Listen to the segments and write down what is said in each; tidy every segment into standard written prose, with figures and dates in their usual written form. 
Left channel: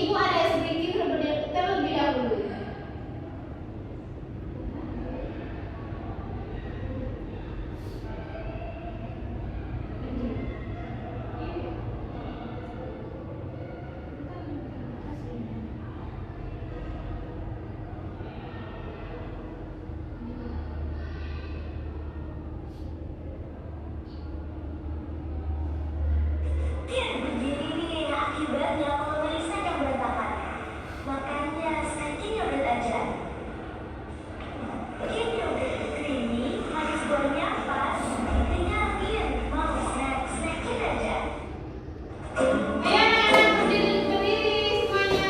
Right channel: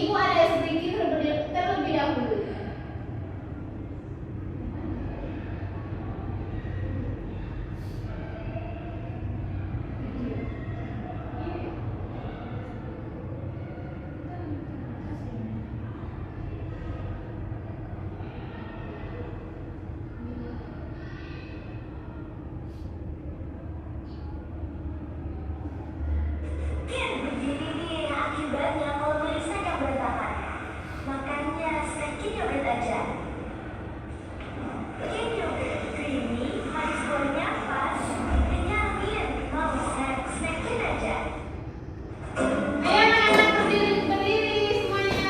Ibu ada sedikit terlebih dahulu. Begini akibatnya kalau merisakkan berantakan. Makanya snackingnya bertaja. Ini harus buahnya pas. Ingatin, mau snack-snackin aja. Ayo anak-anak berdiri semuanya.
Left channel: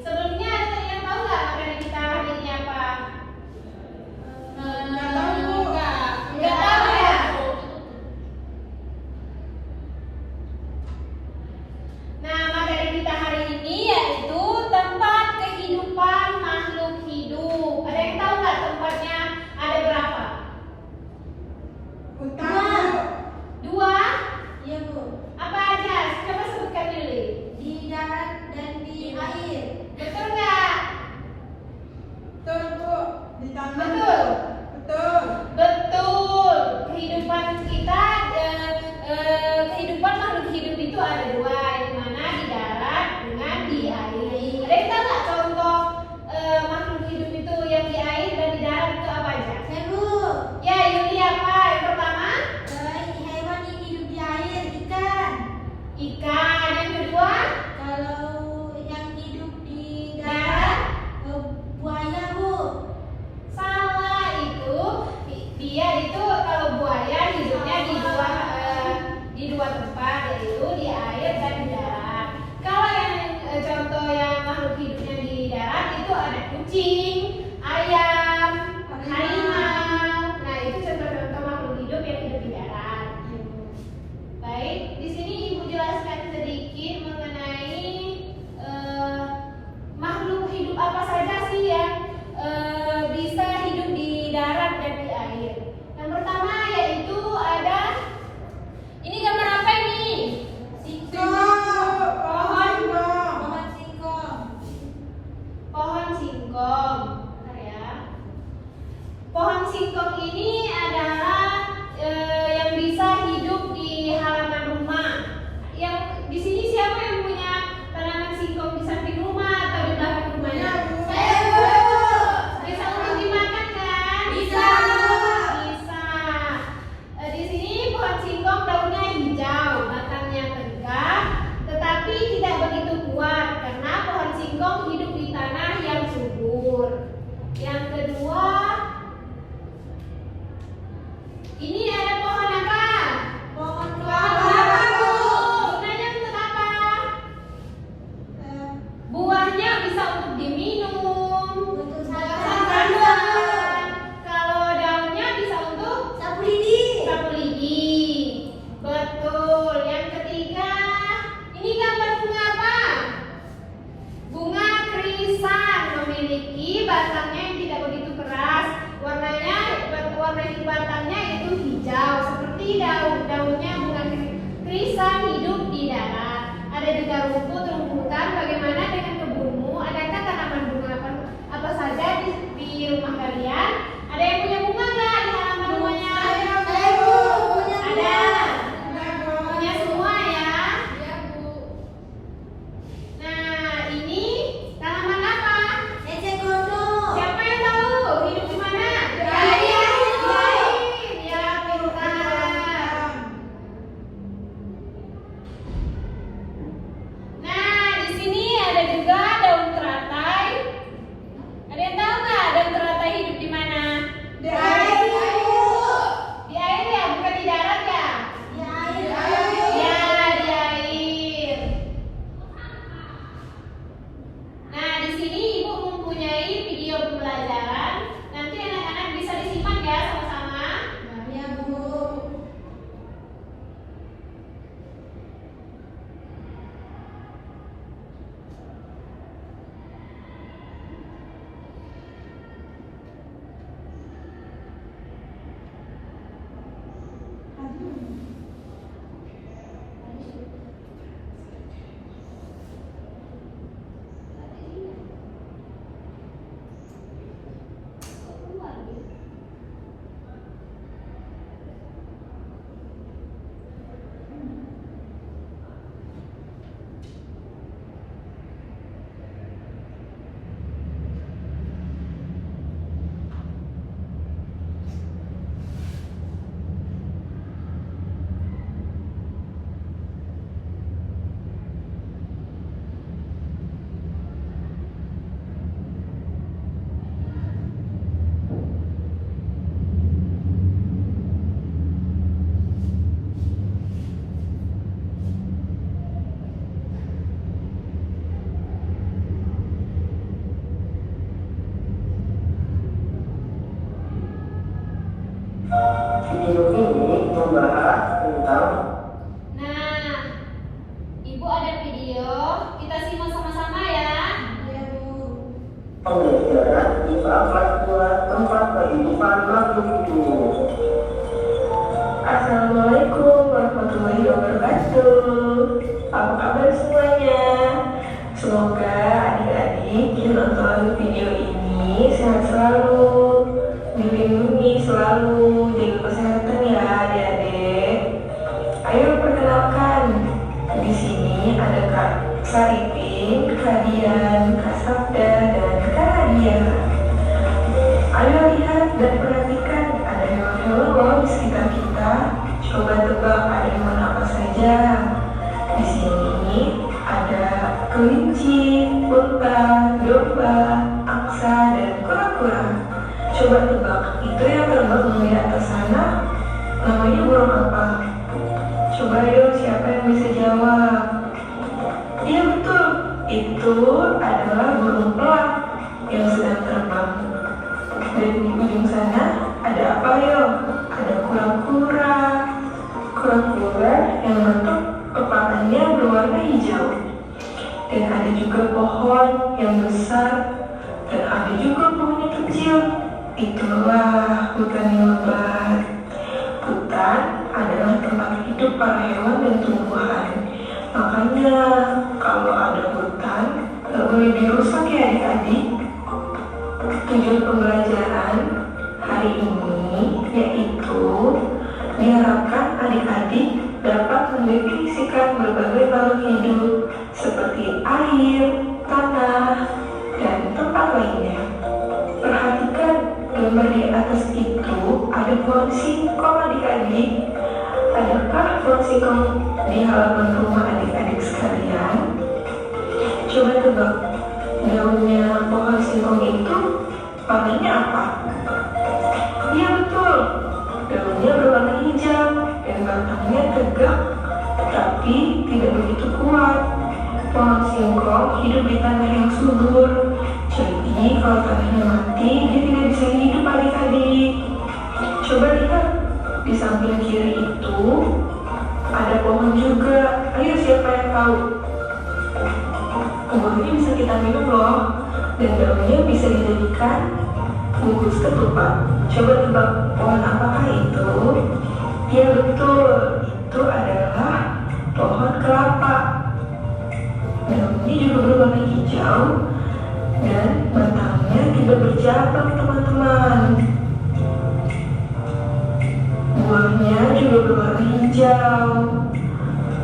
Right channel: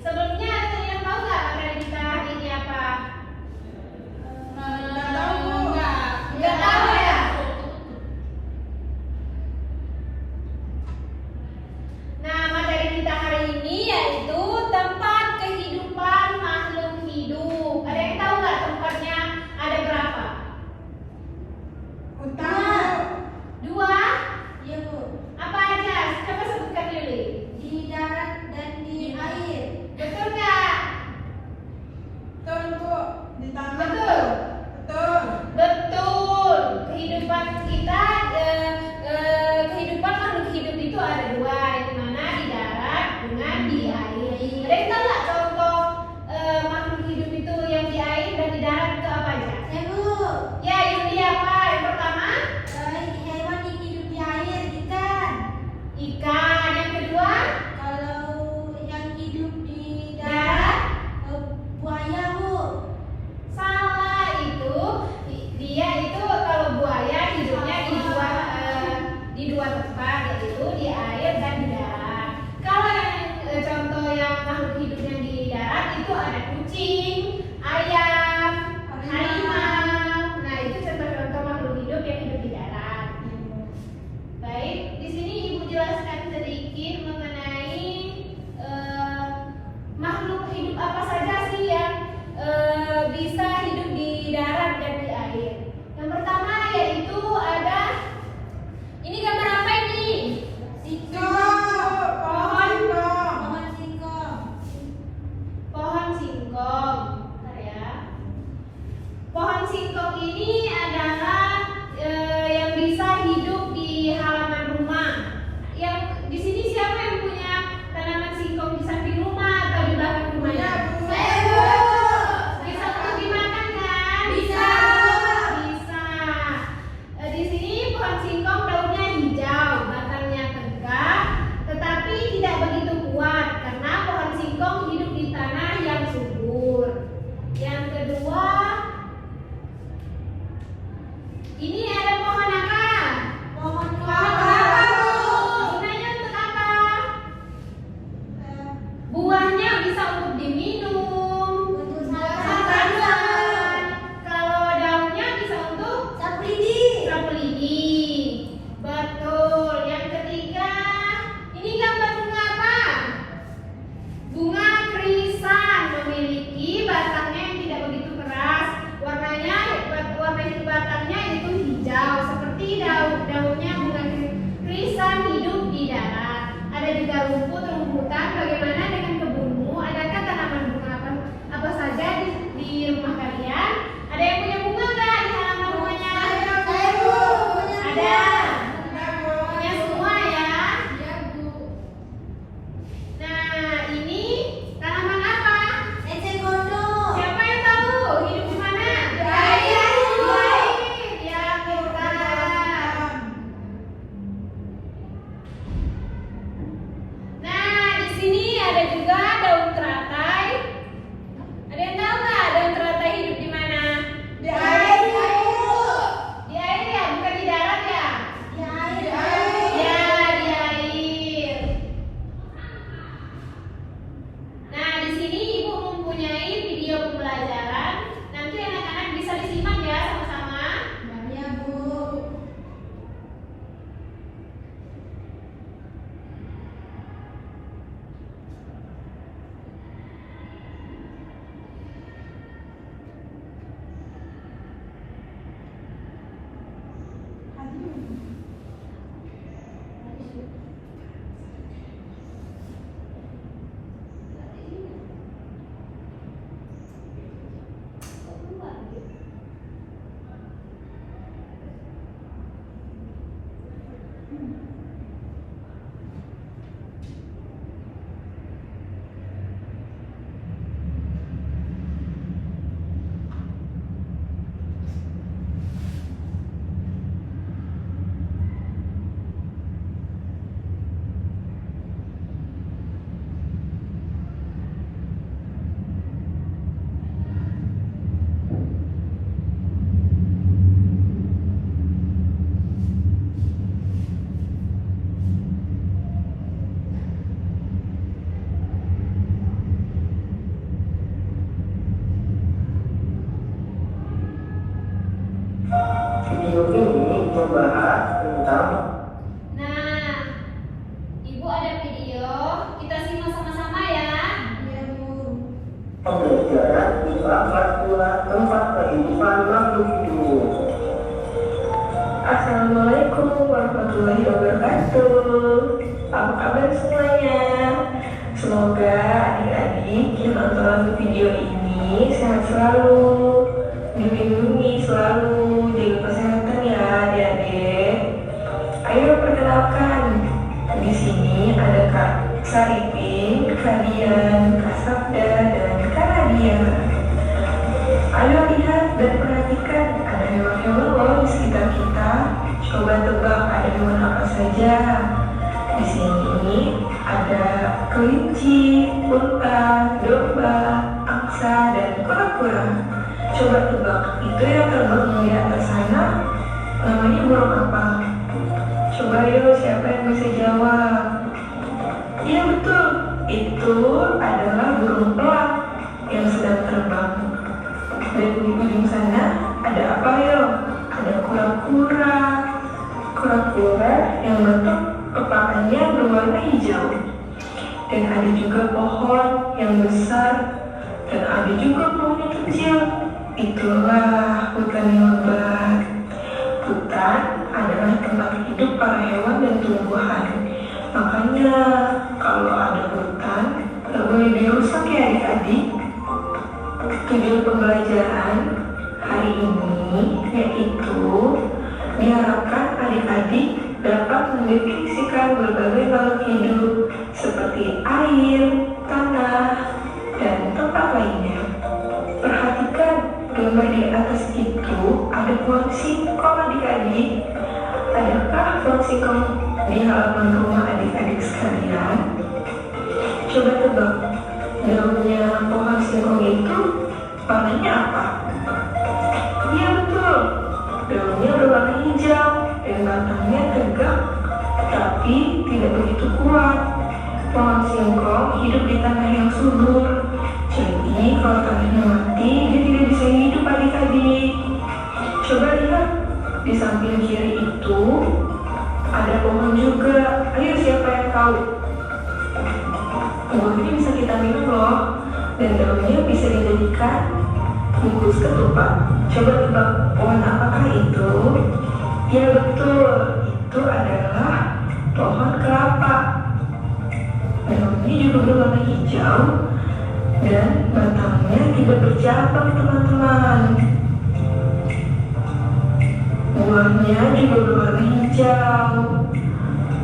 Sebelumnya ada yang tahu nggak materi kita hari ini apa? Nggak tahu ya? Nah, materi kita hari ini yaitu tempat kehidupan makhluk hidup. Ada yang tahu nggak tempatnya ada berapa? Dua? Iya Bu, Apa aja? Coba sebutkan dulu. di darat dan di air. Betul nggak? Betul. Di taman. Betul. Betul. Betul. Kehidupan kita, kehidupan makhluk hidup itu ada dua, di mana di darat dengan di air. Ada yang tahu nggak contoh makhluk hidup itu yang di air dan di darat itu apa aja? Saya Bu, Ya, ini apa? Yang pertama, hewan yang hidup di air ikan. ikan. Yang kedua, Kalau yang hidup di darat. darat, buaya Bu. Salah, itu dia itu kalau buaya hidupnya di dua tempat, yaitu di air dan di darat. Kalau yang contoh yang makhluk hidup yang di darat itu ada kucing, ayam, harimau. Nah, itu contoh-contoh makhluk hidup yang hidup di darat. Baik, di sini Ibu jelaskan sedikit mengenai makhluk hidup apa saja sih yang bisa hidup di darat dan di air. Yang pertama yaitu ada, ini gambar apa ini? Pohon singkong. Pohon singkong. Bentar ya. Pohon singkong ini adalah yang bisa hidup di halaman rumah. Yang di sini siapa yang punya tanaman singkong di samping rumah atau di belakang rumahnya? Saya Bu. Bisa untuk dimakan kan? Bisa. Bisa. Di sini pohon singkong daunnya hijau, batangnya tegak, tetapi tidak begitu kuat karena pohon singkong hidup di tanah yang subur. Yang kedua, ini ada pohon apa? Pohon Pohon kelapa. kelapa, Bu. Gunanya untuk apa? Buahnya bisa untuk diminum, Untuk santan. Kalau daunnya bisa untuk sapu lidi. sapu lidi. Betul. Yang ketiga, ini gambar bunga apa? Bunga krisan, memiliki batangnya yang tidak begitu keras. Warna batangnya itu hijau seperti daunnya bunga Pembelajaran Islam kelas 2 tempat kehidupan makhluk hidup. Assalamualaikum warahmatullahi wabarakatuh. Apa kabar semuanya? Semoga adik-adik yang nonton video ini sehat selalu, dilindungi selalu, jaga kesehatan ya adik-adik. Ayo perkenalkan, di sini ada Kak Saripin, Kak Dian, Kak Sabda, dan Kak Nadia. Ayo lihat dan perhatikan, ada hewan-hewan loh di sekitar kita. Coba tebak ada hewan apa saja. Di sini ada kelinci, unta, domba, angsa, dan kura-kura. Coba tebak, itu yang terbang di atas sana namanya burung apa? Coba yuk, siapa yang bisa jawab? Iya betul, itu adalah burung pelak yang sedang terbang. Dan di ujung sana ada apa yuk? Ada kura-kura. Kura-kura yang bentuk kepalanya berwarna hijau. Dan ada juga pohon yang besar. Dan ada juga pohon yang kecil. Itulah hutan yang lebat. Hutan adalah tempat hidup para hewan dan tumbuhan. Makanya kalau ada hutan, tak boleh dirusak ya adik-adik. Tujuan pembelajaran hari ini yaitu diharapkan adik-adik dapat mendefinisikan berbagai makhluk hidup seperti air, tanah, dan tempat lainnya. Perhatikan gambar di atas itu ada pohon singkong adik-adik. Adakah pohon singkong di halaman rumah adik-adik sekalian? Coba tebak, daunnya pohon singkong itu warnanya apa? Iya betul, daunnya berwarna hijau dan batangnya tegak tapi tidak begitu kuat. Pohon singkong hidup di tanah yang subur, jadi kalau tanahnya mati dia tidak bisa hidup adik-adik. Coba lihat, di samping kiri itu ada pohon juga. Ayo siapa yang tahu? Pohon ini bisa kita minum loh, dan daunnya bisa dijadikan bungkus ketupat. Coba tebak pohon apakah itu? Ya betul, itu adalah pohon kelapa. Daunnya juga berwarna hijau dan batangnya tidak bercabang teman-teman. Buahnya juga berwarna hijau.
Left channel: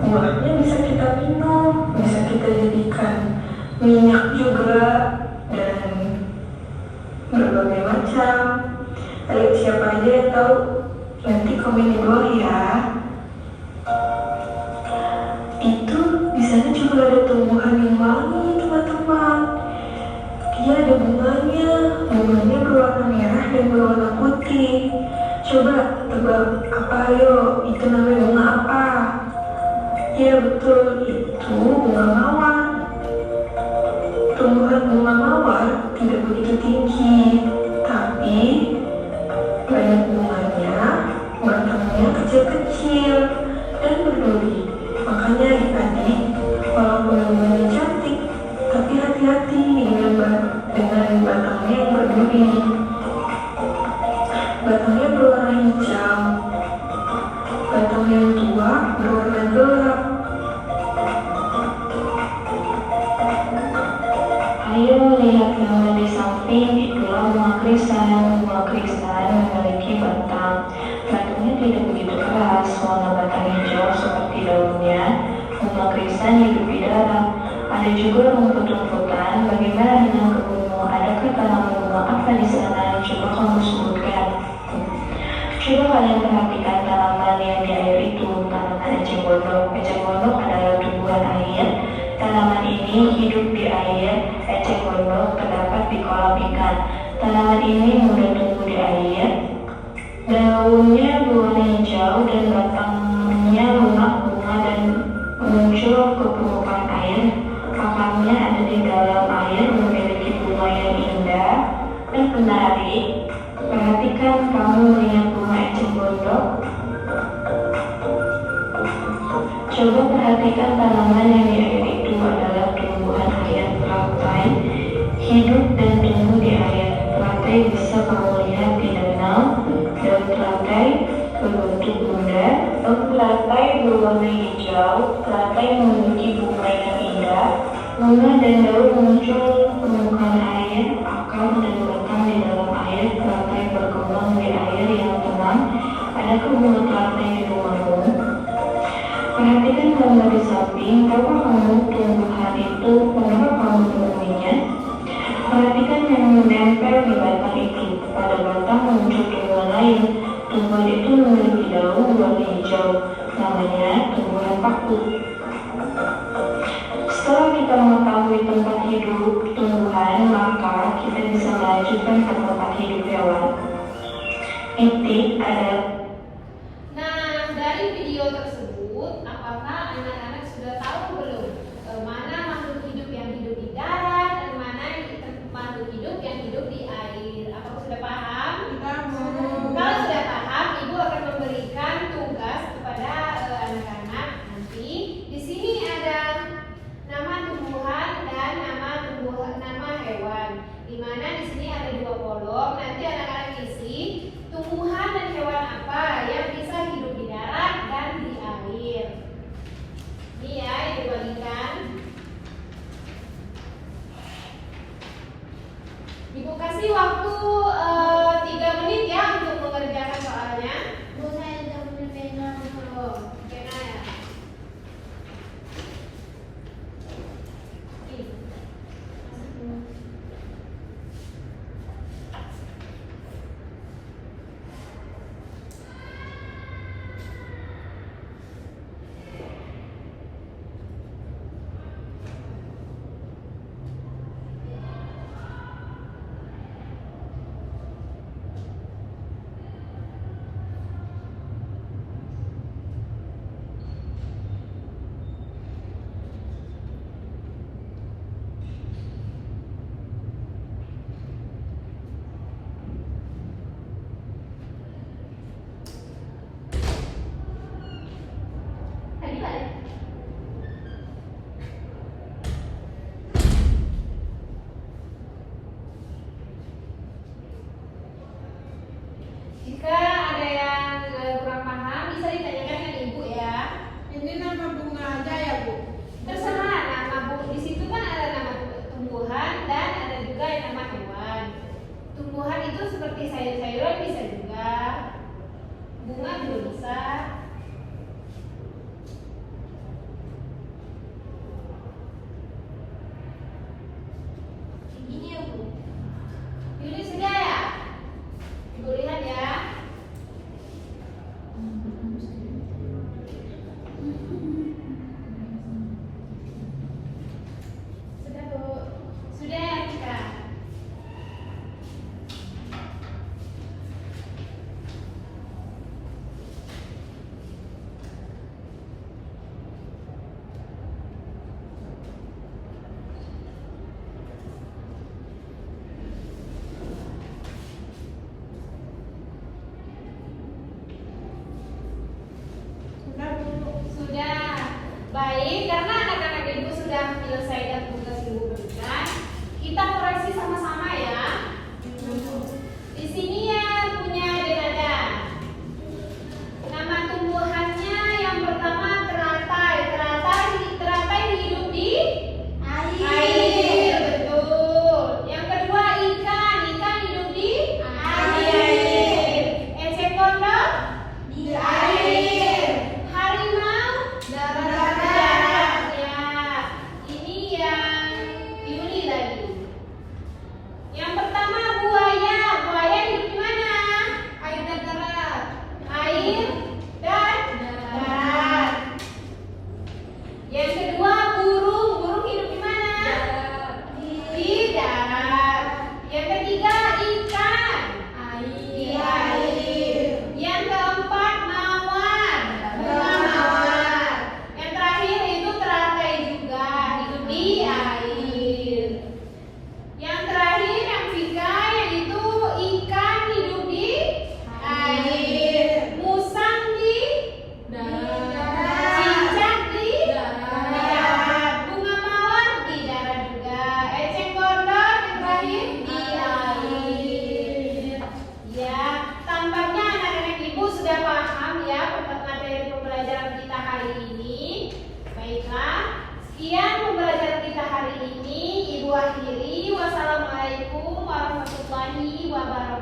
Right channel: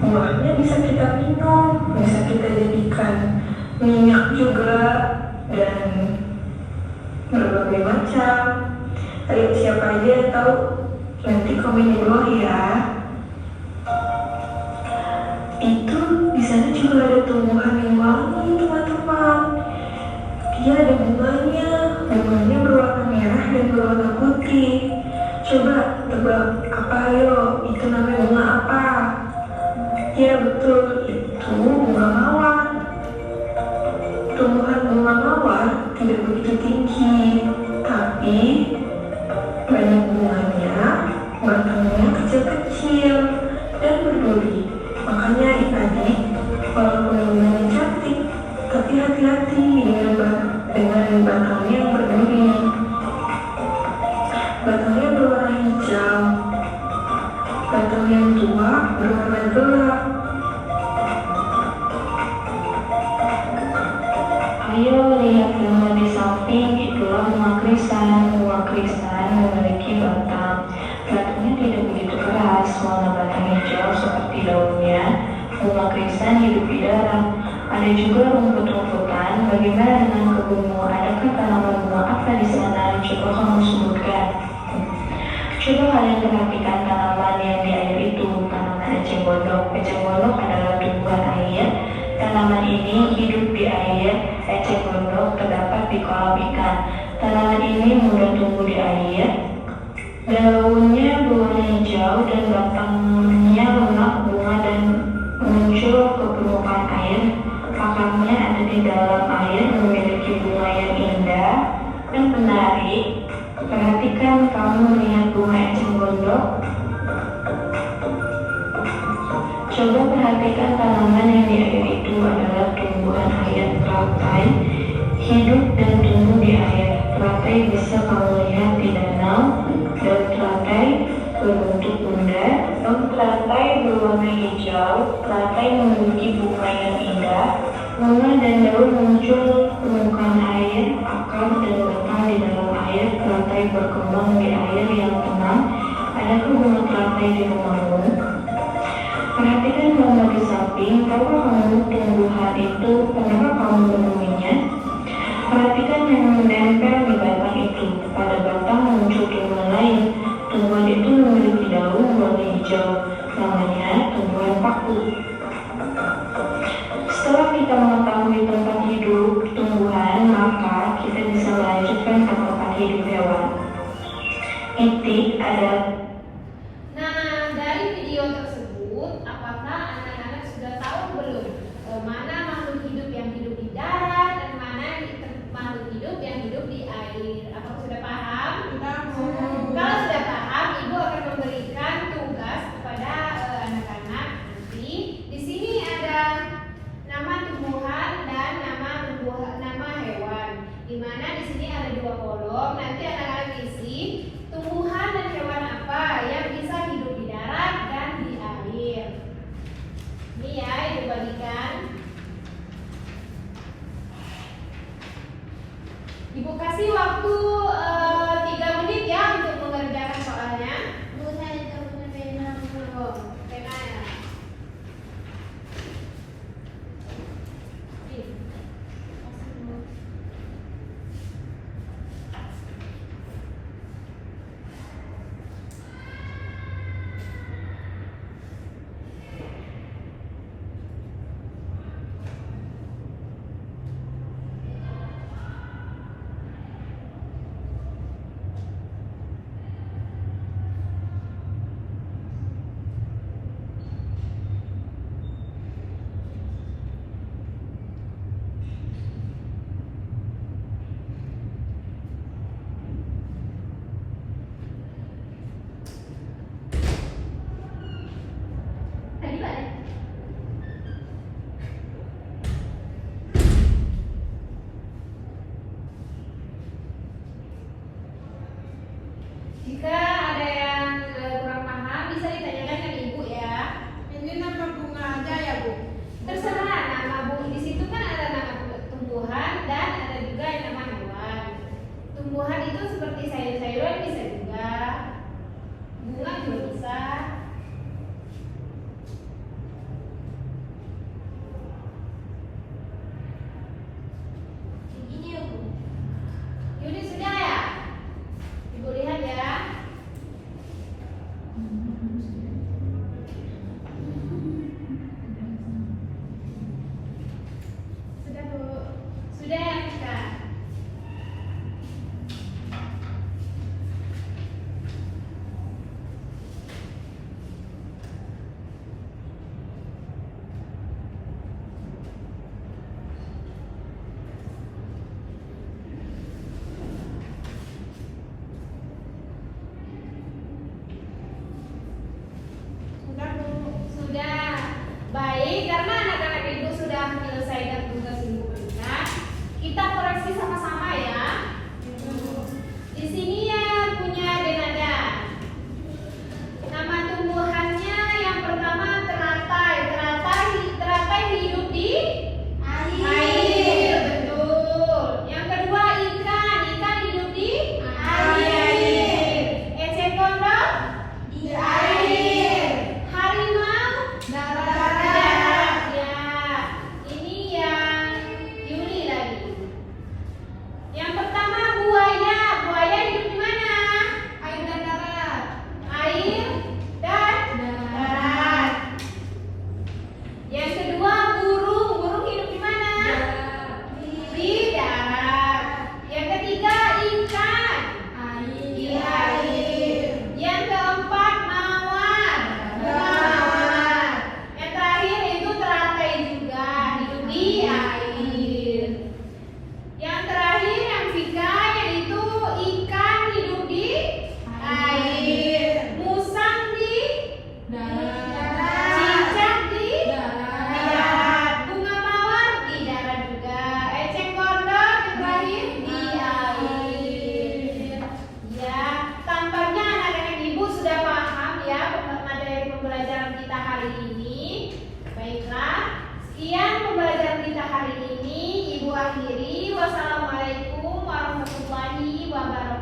Buahnya bisa kita minum, bisa kita jadikan minyak juga, dan berbagai macam. Ayo siapa aja yang tahu? Nanti komen di bawah ya. Itu di sana juga ada tumbuhan yang wangi teman-teman. Dia ada bunganya. Bunganya berwarna merah dan berwarna putih. Coba tebak apa ayo? Itu namanya bunga apa? Ya betul, itu bunga mawar. Tumbuhan bunga mawar tidak begitu tinggi, tapi banyak bunganya, batangnya kecil-kecil dan berduri. Makanya adik-adik, walaupun bunganya cantik, tapi hati-hati dengan batangnya yang berduri. Batangnya berwarna hijau, batang yang tua berwarna gelap. Ayo lihat gambar di samping, itulah bunga krisan. Bunga krisan memiliki batang. Batangnya tidak begitu keras, warna batang hijau seperti daunnya. Bunga krisan hidup di darat. Ada juga rumput-rumputan. Bagaimana dengan kebunmu? Adakah tanaman bunga apa di sana? Coba kamu sebutkan. Coba kalian perhatikan tanaman yang di air itu, tanaman eceng gondok. Eceng gondok adalah tumbuhan air. Tanaman ini hidup di air. Eceng gondok terdapat di kolam ikan. Tanaman ini mudah tumbuh di air. Daunnya berwarna hijau dan batangnya lunak bunga dan muncul ke permukaan air. Akarnya ada di dalam air, memiliki bunga yang indah dan menarik. Perhatikan kamu melihat bunga eceng gondok. Coba perhatikan tanaman yang di air itu adalah tumbuhan harian lautan hidup dan tumbuh di air. Teratai bisa kamu lihat di danau, dan teratai berbentuk bunda, dan teratai berwarna hijau. Teratai memiliki bunga yang indah. Bunga dan daun muncul permukaan air, akar dan batang di dalam air. Teratai berkembang di air yang tenang. Adakah bunga teratai di rumahmu? Perhatikan gambar di samping. Tahukah kamu tumbuhan itu? Pernahkah kamu menemuinya? Perhatikan yang menempel di batang itu. Pada batang muncul tumbuhan lain. Tumbuhan itu memiliki daun berwarna hijau. Namanya tumbuhan paku. Setelah kita mengetahui tempat hidup tumbuhan, maka kita bisa melanjutkan ke tempat hidup hewan. Titik adalah. Nah, dari video tersebut, apakah anak-anak sudah tahu belum mana makhluk hidup yang hidup di darat dan mana makhluk hidup yang hidup di air? Apakah sudah paham? Kalau sudah paham, Ibu akan memberikan tugas kepada anak-anak nanti. Di sini ada nama tumbuhan dan nama hewan. Di mana di sini ada 2 kolom. Nanti anak-anak isi tumbuhan dan hewan apa yang bisa hidup di darat dan di air. Ini ya, Ibu bagikan. Ibu kasih waktu 3 menit ya untuk mengerjakan soalnya. Bu, saya tidak punya pena. Oh, pena ya. Tadi balik. Jika ada yang kurang paham, bisa ditanyakan ke Ibu ya. Ini nama bunga aja ya, Bu? Terserah nama Bu. Di situ kan ada nama tumbuhan dan ada juga yang nama hewan. Tumbuhan itu seperti sayur-sayuran bisa juga. Bunga juga bisa. Begini ya, Bu? Yuli sudah ya? Ibu lihat ya. Sudah Bu. Sudah ya kita. Sudah, Bu. Sudah. Baik, karena anak-anak Ibu sudah menyelesaikan tugas Ibu berikan, kita koreksi sama-sama ya. Di sini ya punya denada. Nama tumbuhannya yang pertama teratai. Teratai hidup di air. Betul. Yang kedua ikan hidup di air. Eceng gondok Di air. harimau darat ya. Ini yang Yuli lagi. Yang pertama buaya hidup di mana? Sekian pembelajaran kita hari ini. Ibu akhiri. Wassalamualaikum warahmatullahi wabarakatuh.